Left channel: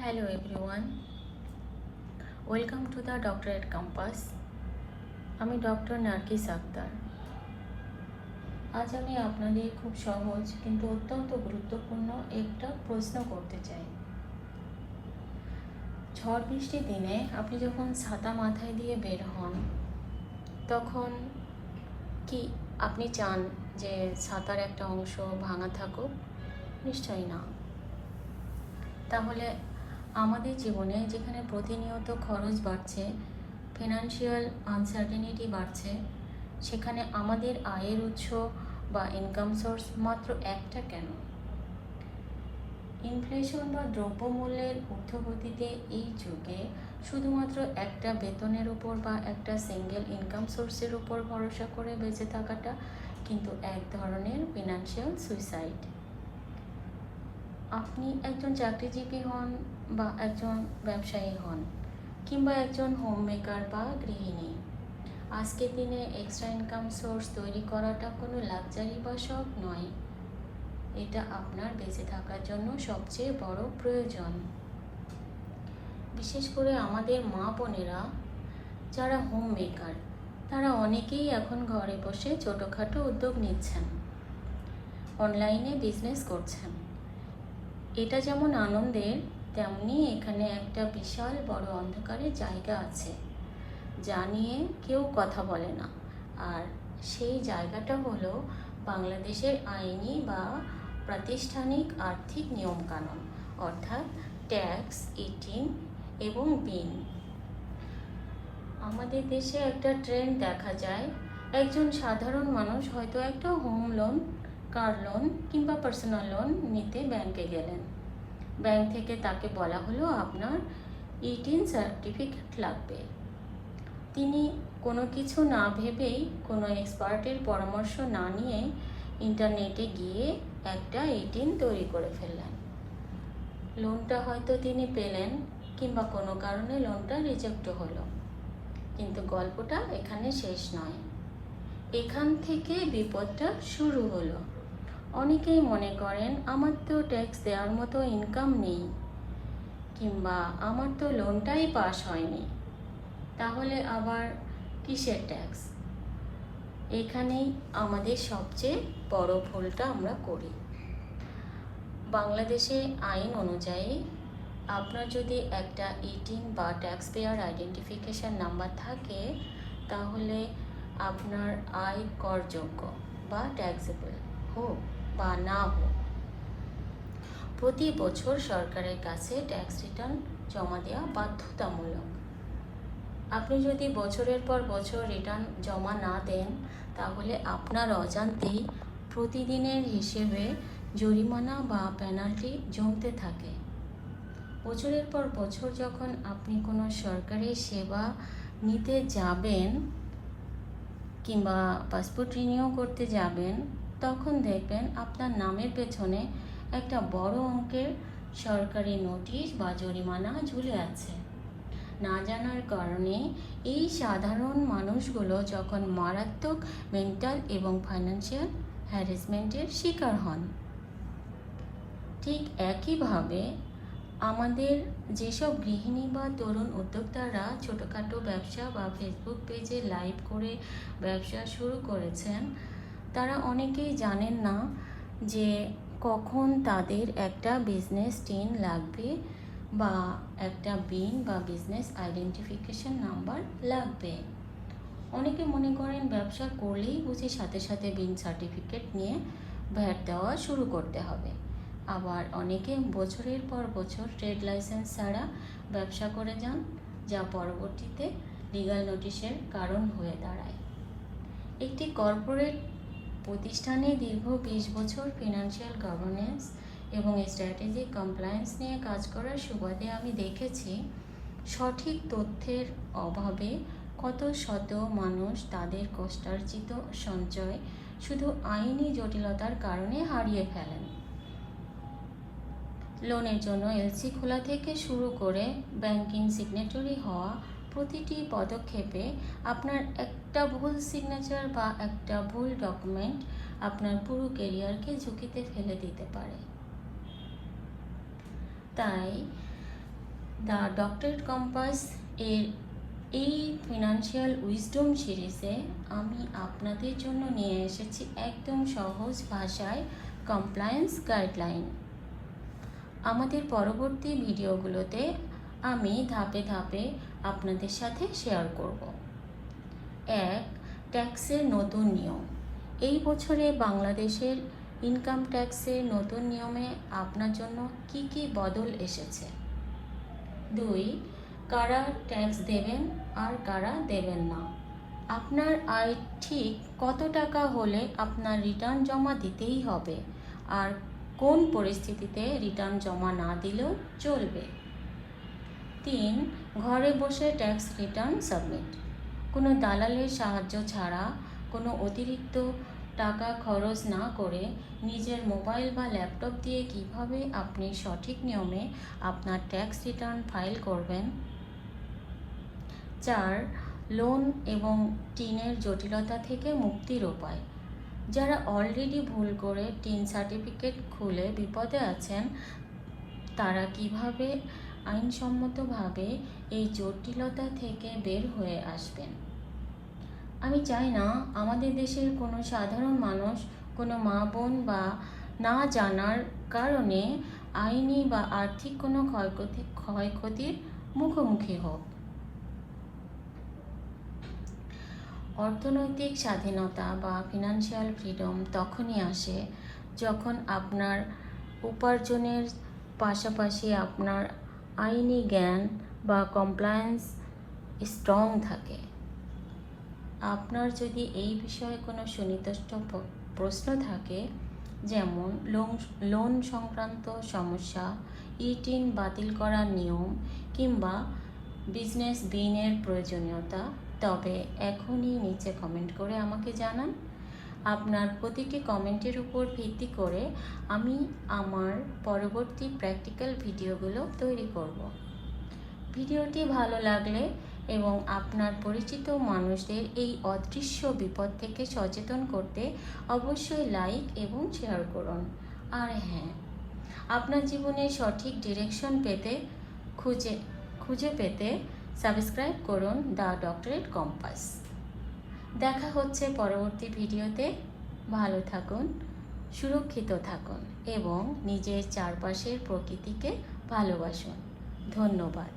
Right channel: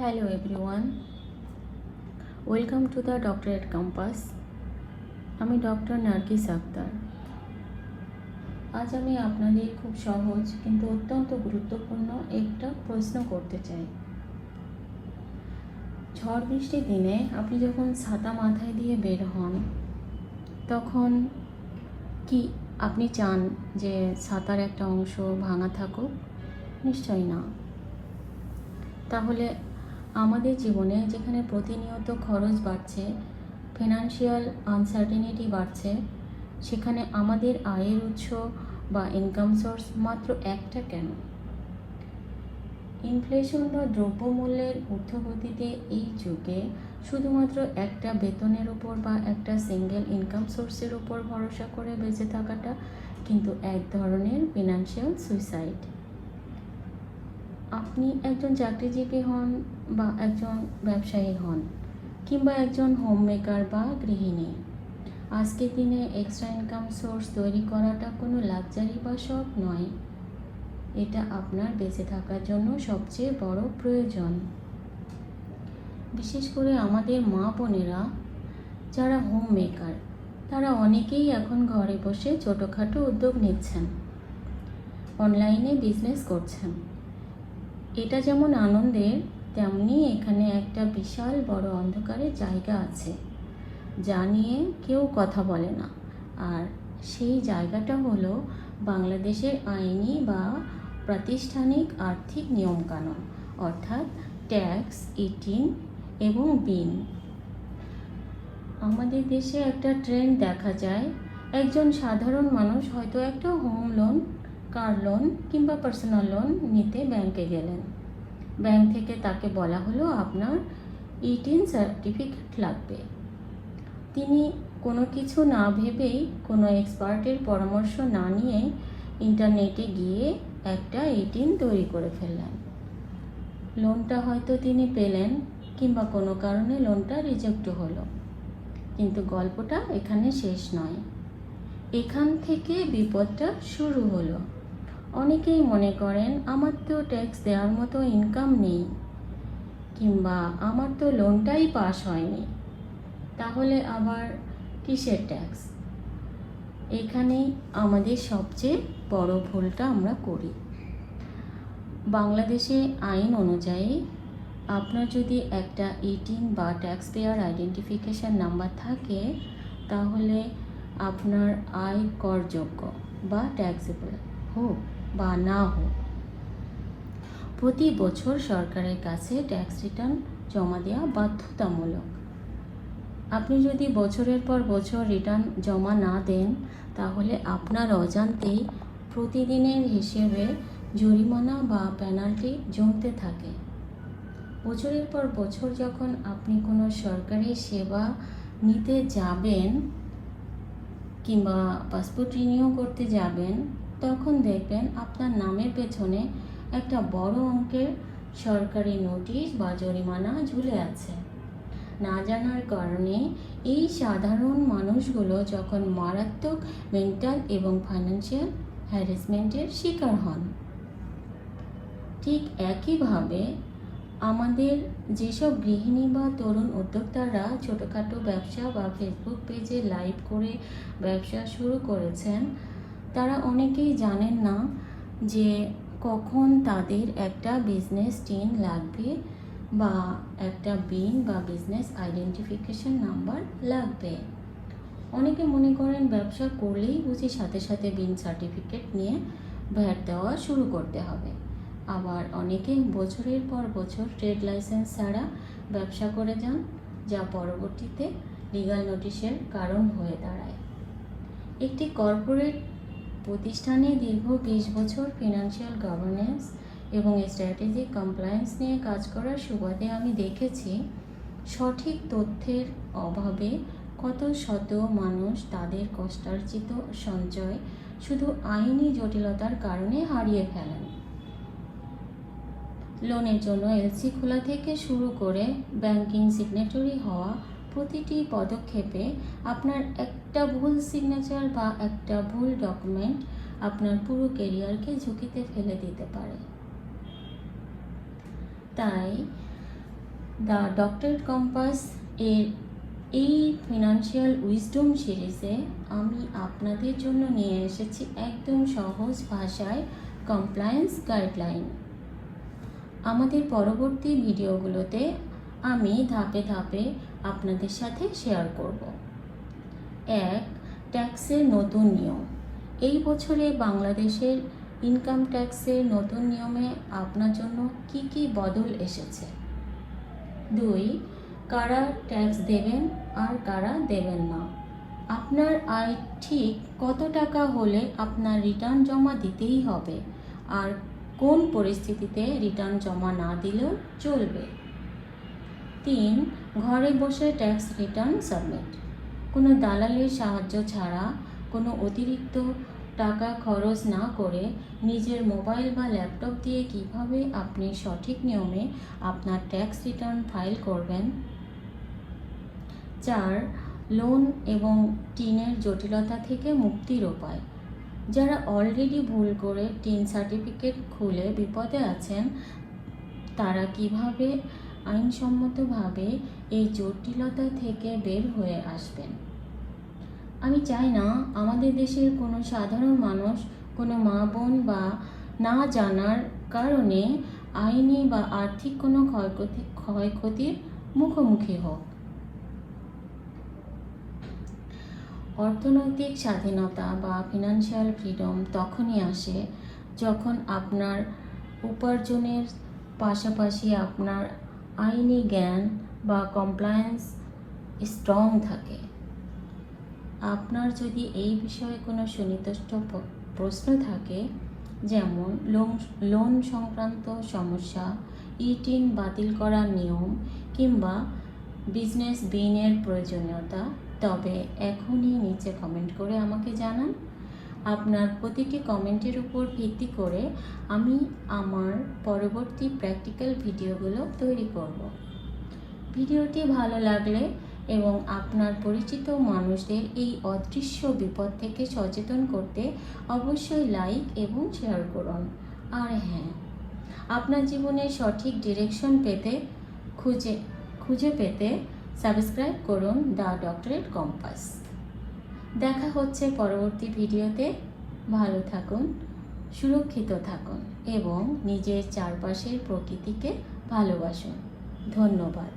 Hello everyone, welcome to the Doctorate Compass. আমি doctor Nargis Akter. আজ আমি আপনাদের খুব সহজ কিন্তু অত্যন্ত গুরুত্বপূর্ণ একটা প্রশ্ন করতে চাই। ঝড় বৃষ্টির দিনে আপনি যখন ছাতা মাথায় দিয়ে বের হন, তখন কি আপনি চান যে ছাতার একটা অংশ ভাঙা থাকুক? নিশ্চয়ই না। তাহলে আমাদের জীবনে যেখানে প্রতিনিয়ত খরচ বাড়ছে, ফিনান্সিয়াল আনসার্টেনিটি বাড়ছে, সেখানে আমাদের আয়ের উৎস বা ইনকাম সোর্স মাত্র একটা কেন? ইনফ্লেশন বা দ্রব্যমূল্যের ঊর্ধ্বগতিতে এই যুগে শুধুমাত্র একটা বেতনের উপর বা একটা সিঙ্গেল ইনকাম সোর্সের উপর ভরসা করে বেঁচে থাকাটা কিন্তু এক ধরনের ফিনান্সিয়াল সুইসাইড। আপনি একজন চাকরিজীবী হন বা একজন ব্যবসায়ী হন কিংবা একজন হোম মেকার বা গৃহিণী, আজকের দিনে এক্সট্রা ইনকাম সোর্স তৈরি করাটা কোনো লাক্সারি বা শখ নয়, এটা আপনার বেঁচে থাকার জন্য সবচেয়ে বড় প্রয়োজন। বিশেষ করে আমাদের মা বোনেরা যারা হোম মেকার, তারা অনেকেই এখন ঘরে বসে ছোটোখাটো উদ্যোগ নিচ্ছেন, অনলাইনে বিজনেস করছেন। এটা যেমন আনন্দের, তেমনি এখানে একটা বিশাল বড় অন্ধকারের জায়গা আছে যা নিয়ে কেউ কথা বলে না। আর সেই জায়গাটা হলো বাংলাদেশের আইনি বা প্রাতিষ্ঠানিক আর্থিক নিয়মকানুন, অর্থাৎ ট্যাক্স, ইটিং এবং বিন। আমাদের দেশে একটা ট্রেন্ড দেখা যায়, একজন সাধারণ মানুষ হয়তো একটা হোম লোন, কার লোন কিংবা পার্সোনাল লোন নিতে ব্যাংকে গেলেন। ব্যাংক থেকে তাকে বলা হলো আপনার 18 সার্টিফিকেট লাগবে। তিনি কোনো কিছু না ভেবেই, কোনো এক্সপার্টের পরামর্শ না নিয়ে ইন্টারনেটে গিয়ে একটা 18 তৈরি করে ফেললেন। লোনটা হয়তো তিনি পেলেন, কিংবা কোনো কারণে লোনটা রিজেক্ট হলো। কিন্তু গল্পটা এখানে শেষ নয়, এখান থেকে বিপদটা শুরু হলো। অনেকেই মনে করেন আমার তো ট্যাক্স দেওয়ার মতো ইনকাম নেই, কিংবা আমার তো লোনটাই পাস হয়নি, তাহলে আবার কিসের ট্যাক্স? এখানেই আমাদের সবচেয়ে বড় ভুলটা আমরা করি। বাংলাদেশে আইন অনুযায়ী আপনার যদি একটা ইটিং বা ট্যাক্স পেয়ার আইডেন্টিফিকেশন নাম্বার থাকে, তাহলে আপনার আয় করযোগ্য বা ট্যাক্সেবল হোক বা না হোক, প্রতি বছর সরকারের কাছে ট্যাক্স রিটার্ন জমা দেওয়া বাধ্যতামূলক। আপনি যদি বছরের পর বছর রিটার্ন জমা না দেন, তাহলে আপনার অজান্তেই প্রতিদিনের হিসেবে জরিমানা বা পেনাল্টি জমতে থাকে। বছরের পর বছর যখন আপনি কোনো সরকারি সেবা নিতে যাবেন কিংবা পাসপোর্ট রিনিউ করতে যাবেন, তখন দেখবেন আপনার নামের পেছনে একটা বড় অঙ্কের সরকারি নোটিশ বা জরিমানা ঝুলে আছে। না জানার কারণে এই সাধারণ মানুষগুলো যখন মারাত্মক মেন্টাল এবং ফাইন্যান্সিয়াল হ্যারাসমেন্টের শিকার হন। ঠিক একইভাবে আমাদের যেসব গৃহিণী বা তরুণ উদ্যোক্তারা ছোটোখাটো ব্যবসা বা ফেসবুক পেজে লাইভ করে ব্যবসা শুরু করেছেন, তারা অনেকেই জানেন না যে কখন তাদের একটা বিজনেস টিন লাগবে বা একটা বিন বা বিজনেস আইডেন্টিফিকেশন নাম্বার লাগবে। অনেকে মনে করেন ব্যবসা করলেই বুঝি সাথে সাথে বিন সার্টিফিকেট নিয়ে ভ্যাট দেওয়া শুরু করতে হবে। আবার অনেকে বছরের পর বছর ট্রেড লাইসেন্স ছাড়া ব্যবসা করে যান, যা পরবর্তীতে লিগ্যাল নোটিশের কারণ হয়ে দাঁড়ায়। একটি কর্পোরেট প্রতিষ্ঠানে দীর্ঘ 20 বছর ফিনান্সিয়াল গভর্নেন্স এবং স্ট্র্যাটেজিক কমপ্লায়েন্স নিয়ে কাজ করার সুবাদে আমি দেখেছি সঠিক তথ্যের অভাবে কত শত মানুষ তাদের কষ্টার্জিত সঞ্চয় শুধু আইনি জটিলতার কারণে হারিয়ে ফেলেন। লোনের জন্য এলসি খোলা থেকে শুরু করে ব্যাংকিং সিগনেটরি হওয়া, প্রতিটি পদক্ষেপে আপনার একটা ভুল সিগনেচার বা একটা ভুল ডকুমেন্ট আপনার পুরো ক্যারিয়ারকে ঝুঁকিতে ফেলে দিতে পারে। তাই দ্য ডক্টরেট কম্পাস এর এই ফিনান্সিয়াল উইজডম সিরিজে আমি আপনাদের জন্য নিয়ে এসেছি একদম সহজ ভাষায় কমপ্লায়েন্স গাইডলাইন। আমাদের পরবর্তী ভিডিওগুলোতে আমি ধাপে ধাপে আপনাদের সাথে শেয়ার করব। 1. ট্যাক্সের নতুন নিয়ম। এই বছরে বাংলাদেশের ইনকাম ট্যাক্সের নতুন নিয়মে আপনার জন্য কি কি বদল এসেছে। 2. কারা ট্যাক্স দেবেন আর কারা দেবেন না। আপনার আয় ঠিক কত টাকা হলে আপনার রিটার্ন জমা দিতেই হবে, আর কোন পরিস্থিতিতে রিটার্ন জমা না দিলেও চলবে। 3. ঘরে বসে ট্যাক্স রিটার্ন সাবমিট। কোনো দালালের সাহায্য ছাড়া, কোনো অতিরিক্ত টাকা খরচ না করে নিজের মোবাইল বা ল্যাপটপ দিয়ে কিভাবে আপনি সঠিক নিয়মে আপনার ট্যাক্স রিটার্ন ফাইল করবেন। 4. লোন এবং টিনের জটিলতা থেকে মুক্তির উপায়। যারা অলরেডি ভুল করে টিন সার্টিফিকেট খুলে বিপদে আছেন, তারা কিভাবে আইনসম্মতভাবে এই জটিলতা থেকে বের হয়ে আসবেন। আমি চাই না আমাদের দেশের কোনো সাধারণ মানুষ কোনো মা বোন বা না জানার কারণে আইনি বা আর্থিক কোনো ক্ষয়ক্ষতির মুখোমুখি হোক। অর্থনৈতিক স্বাধীনতা বা ফিনান্সিয়াল ফ্রিডম তখনই আসে যখন আপনার উপার্জনের পাশাপাশি আপনার আইনি জ্ঞান বা কমপ্লায়েন্স স্ট্রং থাকে। আপনার যদি এই বিষয়ে কোনো সুনির্দিষ্ট প্রশ্ন থাকে, যেমন লোন সংক্রান্ত সমস্যা, ইটিং বাতিল করার নিয়ম কিংবা বিজনেস বিনের প্রয়োজনীয়তা, তবে এখনই নিচে কমেন্ট করে আমাকে জানান। আপনার প্রতিটি কমেন্টের উপর ভিত্তি করে আমি আমার পরবর্তী প্র্যাকটিক্যাল ভিডিওগুলো তৈরি করব। ভিডিওটি ভালো লাগলে এবং আপনার পরিচিত মানুষদের এই অদৃশ্য বিপদ থেকে সচেতন করতে অবশ্যই লাইক এবং শেয়ার করুন। আর হ্যাঁ, আপনার জীবনে সঠিক ডিরেকশন পেতে খুঁজে পেতে সাবস্ক্রাইব করুন দ্য ডক্টরেট কম্পাস। দেখা হচ্ছে পরবর্তী ভিডিওতে। ভালো থাকুন, সুরক্ষিত থাকুন এবং নিজের চারপাশের প্রকৃতিকে ভালোবাসুন। ধন্যবাদ।